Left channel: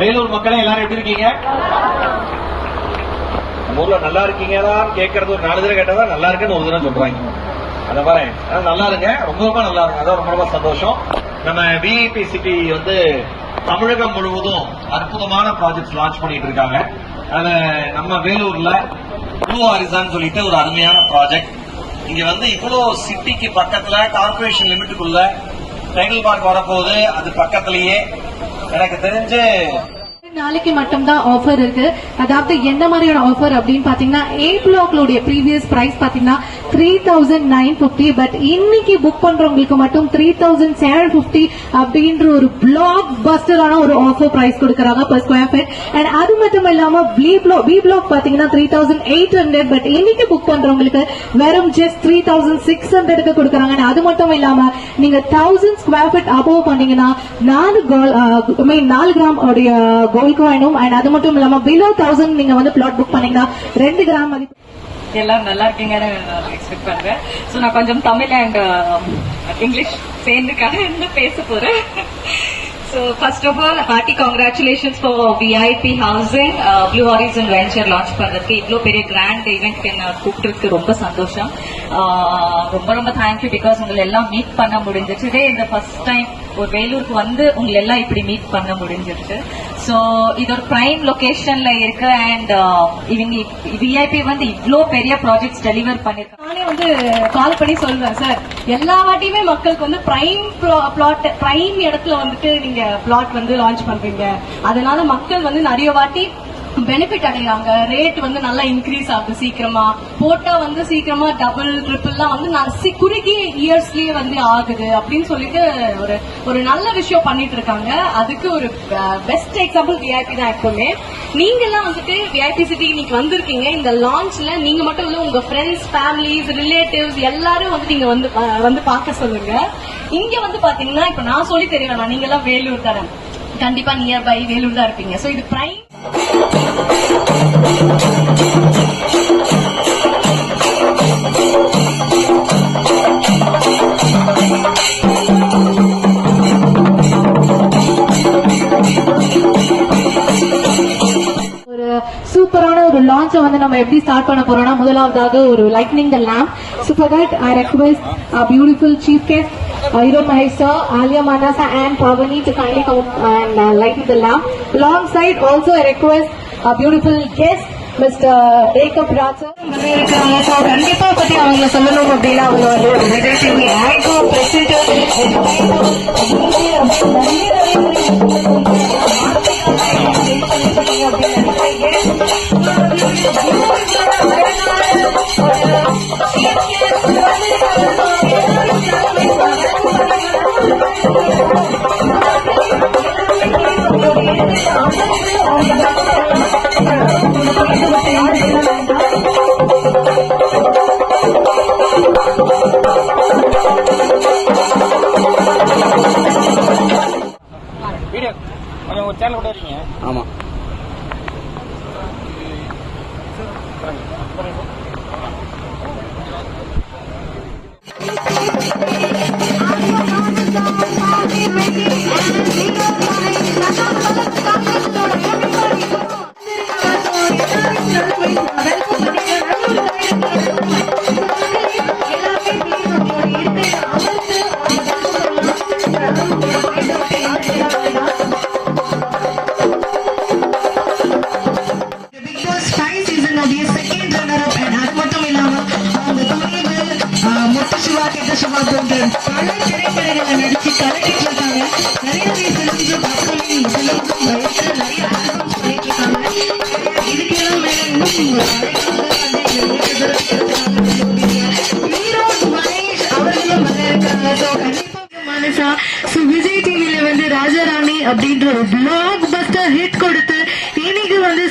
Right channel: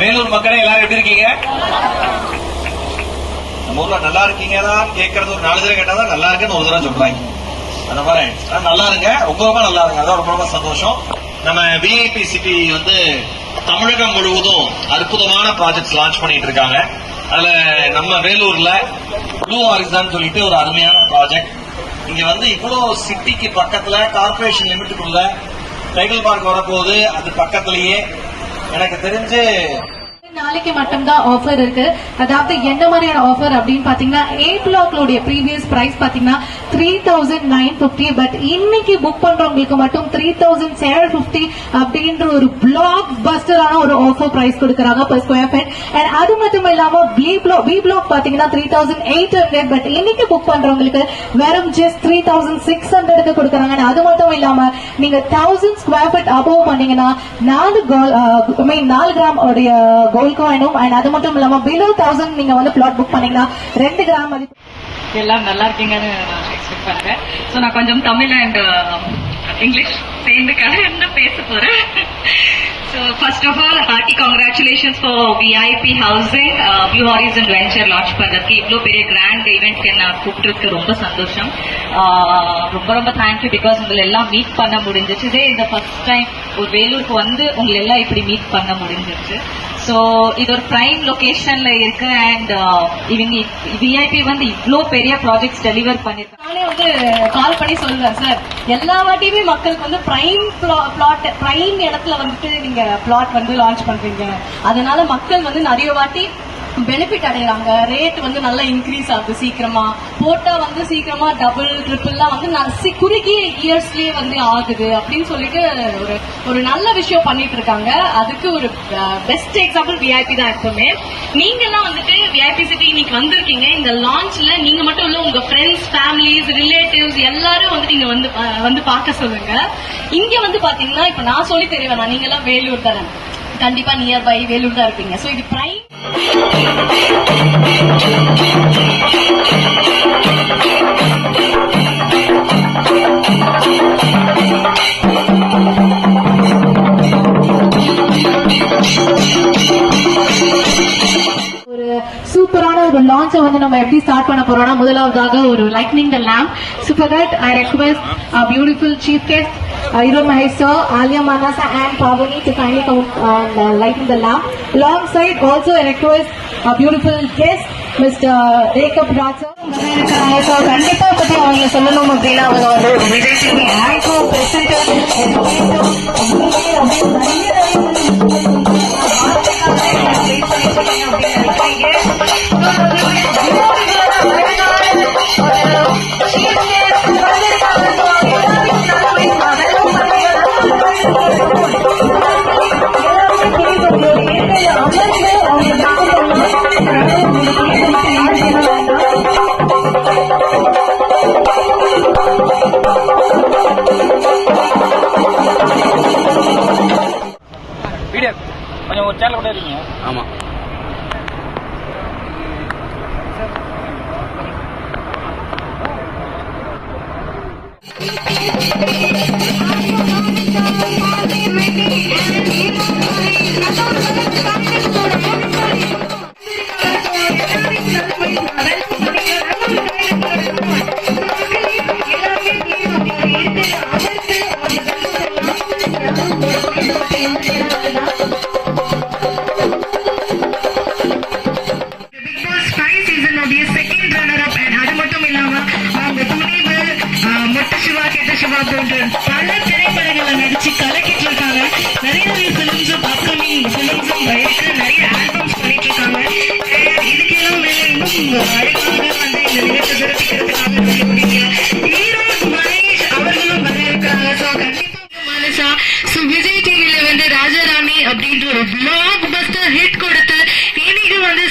வேலூர் மக்களே எல்லாரும் எப்படி இருக்கீங்க? நம்ம ஊர்ல நல்லா இருக்கீங்கதான் கேட்கறது ஒரு 4 தடவை கேட்டாதான் நல்லா இருக்குன்னு ஒரு தடவை சொல்றாங்க. அந்த மாதிரி நல்லா இருங்க, ரொம்ப ரொம்ப நல்லா இருங்க. அதான் ரொம்ப ரொம்ப சந்தோஷம். நம்ம விஐபி சிட்டி வந்து தமிழகம் முழுவதும் அற்புதமான ப்ராஜெக்ட்ஸ் லான்ச் பண்ணிட்டு இருக்காங்க. அதுல நம்ம வேலூர்ல ப்ளூ ஹாரிசான் சொல்லிட்டு ஒரு அருமையான ப்ராஜெக்ட். இங்க வந்து இவ்வளவு சிட்டிக்கு பக்கத்துல கார்பரேஷன் லிமிட்டுக்குள்ள டைட்டில் பார்க் வரப்போகுது. அது பக்கத்திலேயே எனக்கு தெரிஞ்சு நாளைக்கு மட்டும்தான் ஆஃபர் இருக்கு. அதாவது எந்த மாதிரியான ஆஃபர் அப்படின்னு பாத்தீங்கன்னா A பிளாக்லோட ப்ரீவியஸ் பிரைஸ் பாத்தீங்கன்னா 3950, பட் இன்னைக்கு புக் பண்றவங்களுக்கு மட்டும் 3750 அப்படின்ற ஒரு பிளாக் பஸ்டரான ஒரு ஆஃபர் பிரைஸ் கொடுக்கறாங்க per ஸ்கொயர் ஃபீட். அண்ட் அது மட்டும் இல்லாம B பிளாக் பாத்தீங்கன்னா 3800, பட் இன்னைக்கு புக் பண்றவங்களுக்கு வெறும் ஜஸ்ட் 3600க்கு கொடுக்கறாங்க. அது மட்டும் இல்லாம நீங்க 1000 ஸ்கொயர் ஃபீட் அபோவ் பண்ணீங்கன்னா 4 கிராம் உடைய கோல்ட் காயினும், அண்ட் அது மட்டும் இல்லாம பிலோ 1000 நீங்க வந்து பிளாட் புக் பண்ணீங்கன்னா 2 கிராம் மதிப்பு. எல்லாரும் நல்லா இருக்கீங்கன்னு எக்ஸ்பெக்ட் பண்றேன். ஸோ நான் கொஞ்சம் தமிழ் அண்ட் இங்கிலீஷ் சேர்ந்து கலந்து பேச போறேன். So first of all, hearty congratulations for VIP Housing Blue Horizon Venture launch பண்றதுக்கு. இவ்வளோ பெரிய கிராண்ட் ஈவெண்ட்க்கு என்ன கூப்பிட்டுருக்கு ரொம்ப சந்தோஷம். ரொம்ப ரொம்ப தேங்க்யூ. பிகாஸ் உங்களை எல்லாம் மீட் பண்ண முடிஞ்சிச்சு. இதே இந்த ஃபர்ஸ்ட் டைம் ஒரு வேலூருக்கு வந்து உங்களை எல்லாம் இப்படி மீட் பண்ண முடிஞ்சிச்சு. ஸோ இது ஒரு பிரைம் லொகேஷன்ல இருக்கு. அண்ட் இவங்க விஐபி வந்து இவ்வளோ பெரிய ப்ராஜெக்ட்ஸ் டெலிவர் பண்ணிருக்காங்க. நானே வந்து கால் பண்ணி சொல்லுவேன் சார், எல்லா வாட்டியுமே மக்களுக்கு வந்து பிரைம் இடத்துல வந்துட்டு நீங்க பிளாட் வந்து லான்ச் பண்றீங்க. அதனால மக்கள் வந்து நிறைய வாட்டி பெனிஃபிட் அடைகிறாங்க. ரேட் வந்து நல்லா இன்க்ரீஸ் ஆகுது. சீக்கிரமா போட்டா வந்து சீக்கிரமா டபுள் ட்ரிபிள்லாம் வந்து குறுகிய இயர்ஸ்லயே வந்து ஆகுது அப்படின்னு சொல்லிட்டு ஒரு நல்ல விஷயம் பண்ணிட்டு இருக்காங்க. அதுக்கு ஒரு பெஸ்ட் எக்ஸாம்பிள் விஐபி தான். எப்பவுமே நீங்க எல்லாம் வந்துட்டு விஐபி சிட்டி இன்னைக்கு வந்திருக்கீங்க. இந்த லான்ச்ல நீங்க மட்டும் இல்ல, உங்க ஃப்ரெண்ட்ஸ், ஃபேமிலிஸ், ரிலேட்டிவ்ஸ் எல்லாரும் வந்து நீங்க வந்து பார்க்க சொல்லுங்க. இங்க வந்து பாத்தீங்கன்னா இப்ப நான் சொல்லி தெரியவேன், நீங்க எல்லாம் வேலூர் தானே, கண்டிப்பா நியர்பை வேலூர் தான் இருப்பீங்க. சோ இது பிரைம் சூப்பரான ஒரு லான்ச் வந்து நம்ம எப்படி ஸ்டார்ட் பண்ண போறோம்னா, முதலாவதாக ஒரு lightning the lamp. So for that I request our beautiful chief guest Hero Mahesa, Alia Manasa and Pavani to kindly come and lighten the lamp. Alongside also I request our beautiful guest Mr. Rekab Raja. So கண்டிப்பா பத்தி அவங்க சொல்லணும் அப்படின்னா அவங்க வந்து ஒரு Vijay TV icon video கொஞ்சம் ஒரு சேனல் கூட இருக்கீங்க. ஆமா. பல திரைப்படங்களை நடிச்சு கலக்கிட்டு இருக்காங்க. நிறைய பிலிம்ஸும் அப்கமிங் பிலிம்ஸும் இருக்கு. நிறைய ஆல்பம்ஸ் பண்ணிட்டு இருக்காங்க. இதுக்கெல்லாம் மேல இன்னும் அழகாக வந்து இந்த நிகழ்ச்சி சிறப்பிக்கிறதுக்காக ஈரோடு மகேஷ் அவர்களும் வர இருக்காங்க. ஸோ கண்டிப்பா மனுஷா விஜய் டிவில வந்து ராஜாராணி அப்படின்ற ஒரு பிளாக் பஸ்டர் ஹிட் கொடுத்து இன்னைக்கு வந்து